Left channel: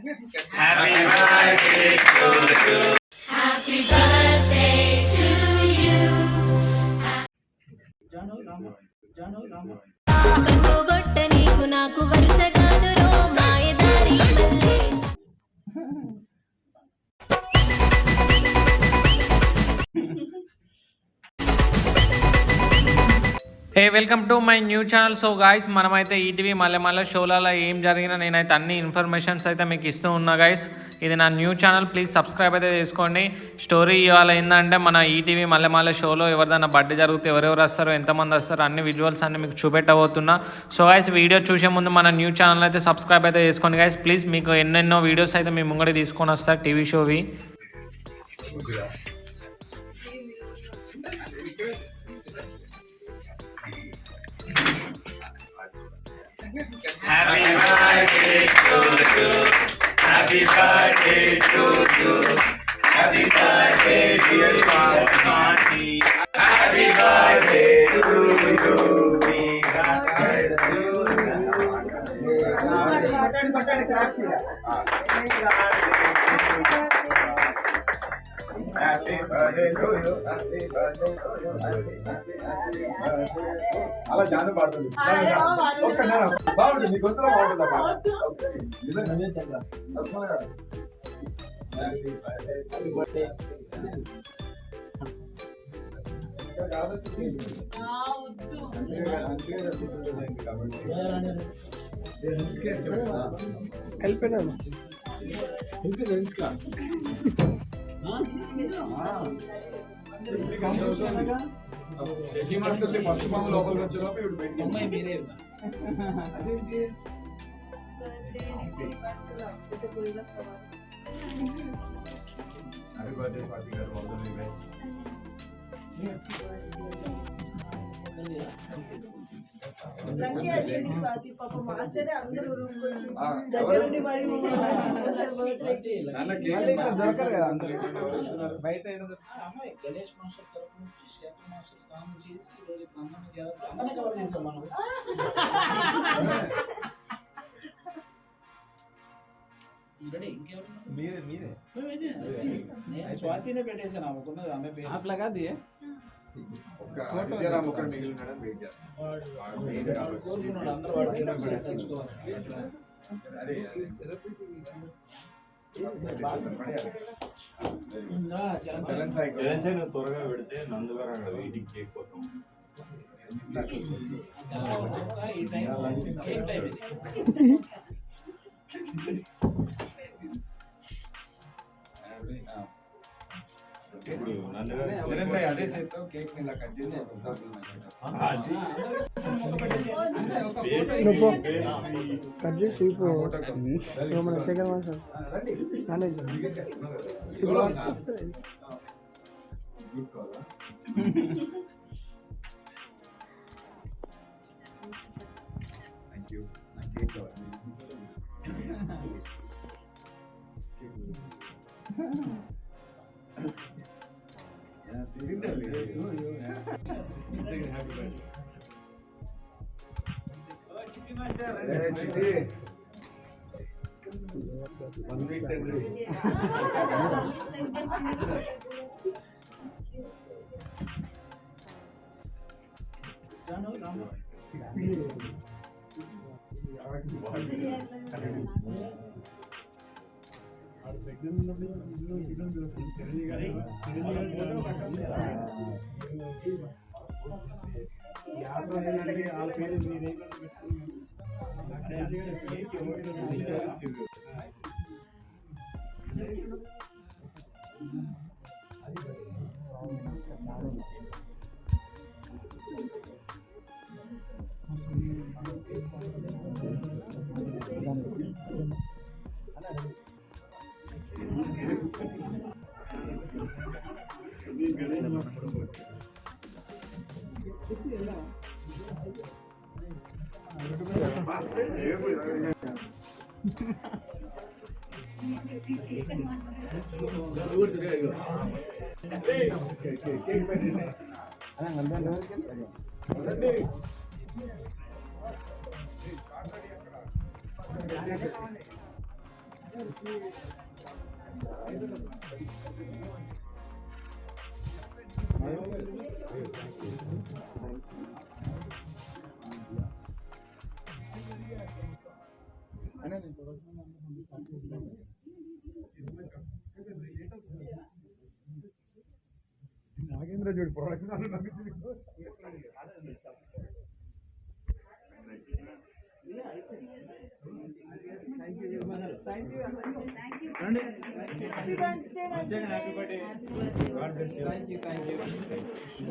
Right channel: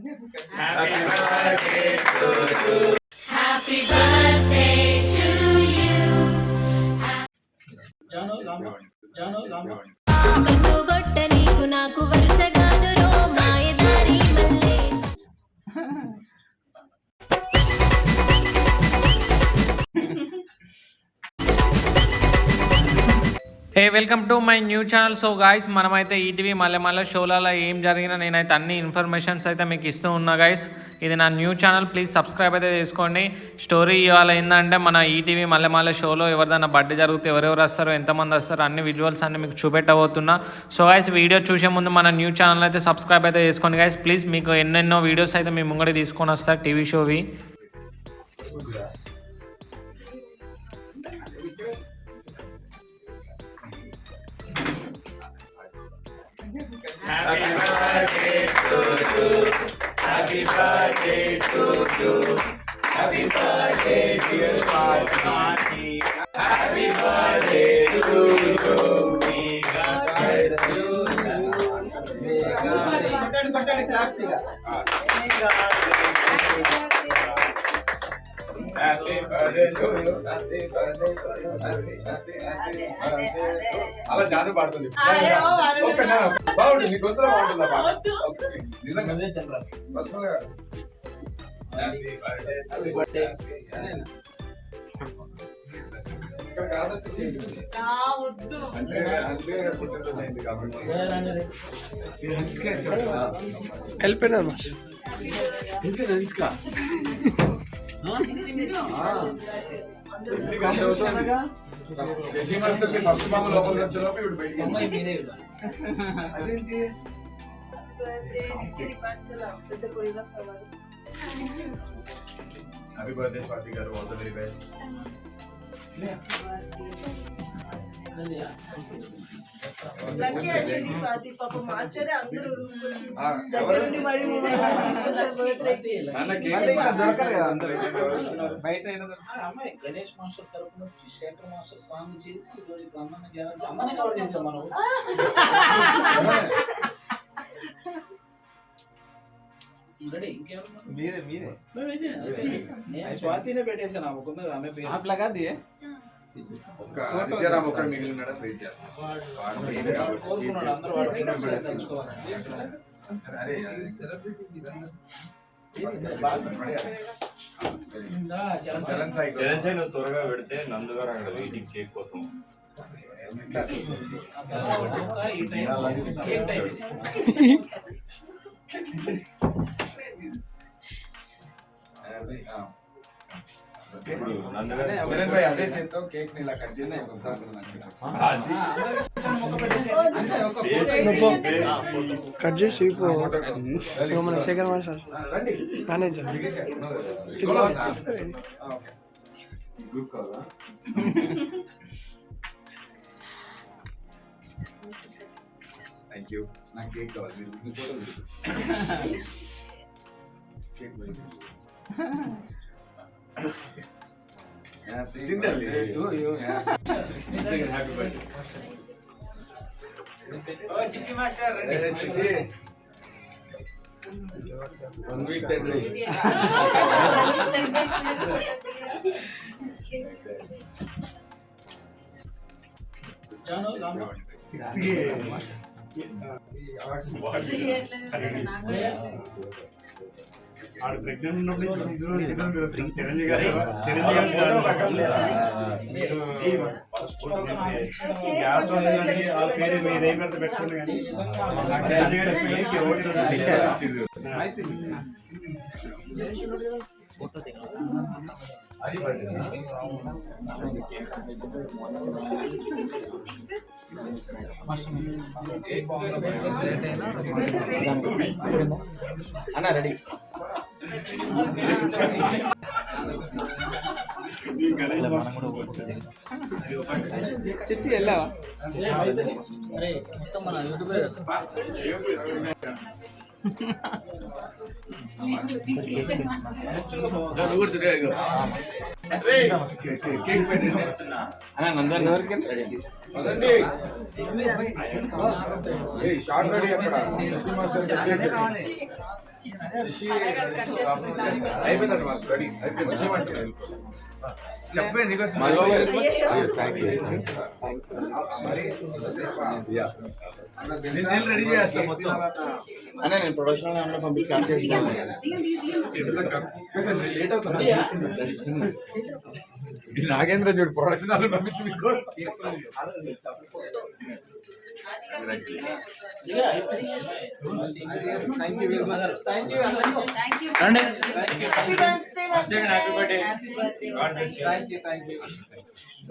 Happy birthday to you. Happy birthday to you. కన్ను గొట్ట నీకు నాకు వరుస కాదురో మాయదారి Mallesh. Hey welcome to my new channel. So guys, మనమైతే ఈటీవీ మల్లెమల్ల షోలలో ఏం జరిగినా నేనైతే అన్ని ఇన్ఫర్మేషన్స్ అయితే మీకు ఇస్తూ ఉన్నా గాయస్. ఇది నా న్యూ ఛానల్, ప్లీజ్ సబ్స్క్రైబ్ అయితే చేసుకోండి. స్టోరీ ఇవాళ ఏంటంటే మన ఈటీవీ మల్లెమల్ల షోలో ఎవరిదైనా బర్త్డే జరిగితే ఎవరెవరు వస్తారో, ఎంతమంది వస్తారో అన్ని విజువల్స్ అన్ని మీకు చూపెట్టబోతున్నా. సో గాయస్, వీడియో చూసే ముందు మన న్యూ ఛానల్ అయితే సబ్స్క్రైబ్ అయితే చేసుకోండి గాయస్ ప్లీజ్. మీకు ఎన్నెన్నో వీడియోస్ అయితే మీ ముంగడి తీసుకొని వస్తారు TV షోవి. Happy birthday to you. Happy birthday to you. Happy birthday dear Swati. Happy birthday to you. May God bless you. Happy birthday to you. Happy birthday to you. Happy birthday. అలా జాను పాడుతుంది. Okay నా బాగుంది, నీ గొంతులో బాగుంటుందా పాట? Okay నిజంగా నేను చెప్పరా బస్సులో. Happy birthday, happy birthday. ఇక్కడ కాదొచ్చి నా వద్దు అంతే పుట్టినరోజైంది కాబట్టి మీరు హన్స్కే చెప్పరా వెళ్ళిపోయినా ఇంకా హన్స్కా ఫస్ట్ మామ లోపలికి వచ్చేలోపు ఇప్పుడు బయటికి అదేంటి హ్యాపీ బర్త్డే స్వాతి గారు, all the very best. Ganesh master తరపు నుంచి శేఖర్ మాస్టర్ సాంగ్ చేసి ఈరోజు అమ్మని కవర్ చేసాం మనం. మీరే నేను స్వాతినే పెట్టేసాను ఆమె పేరు. ఒక్క మిగిలి ఉండడం వెయిట్ చేస్తాను. కోరుకున్నాడు అందరూ వాడు తెలుసుకోవాలి. చరణ్ త్వరగా పెడితే నందుగారు అక్కడ వెయిటింగ్ కేక్ కోసం. అదే చేత్తో కేక్ ని ఇలా కట్ చేసి కట్ చేసి మన శేఖర్ మాస్టర్ మేనేజర్ గ్రూప్ కావాలా? Thank you. నాకు కేక్ కావాలి. Cake Happy birthday to you. Happy birthday. Oh, Chitti Master. Chitti. 1 week that day. Janu 68 ఆడు ప్రెగ్నెంట్ ఉన్నప్పుడు చిరంజీవి గారు గ్యాస్ వాళ్ళ పేరు మీదే పెట్టుకోండి కానీ అన్న రెడీ. చిట్టి వెళ్ళావా? మొత్తం మన యూట్యూబ్ షార్ట్ రెడీ అక్కడ అయిపోయిందండి మా స్టడీ అయిపోయింది వచ్చేయమంటున్నాను చెప్పండి రెడీ చేస్తాం మొత్తం అన్న నేను ప్రొడక్షన్ పంపించి లేట్ అవుతుంది నాగేంద్ర చూడు ప్రొడక్షన్ వాళ్ళు పంపించి మీకు thank you very much thank you Happy birthday, Vasu. Happy birthday. Thank you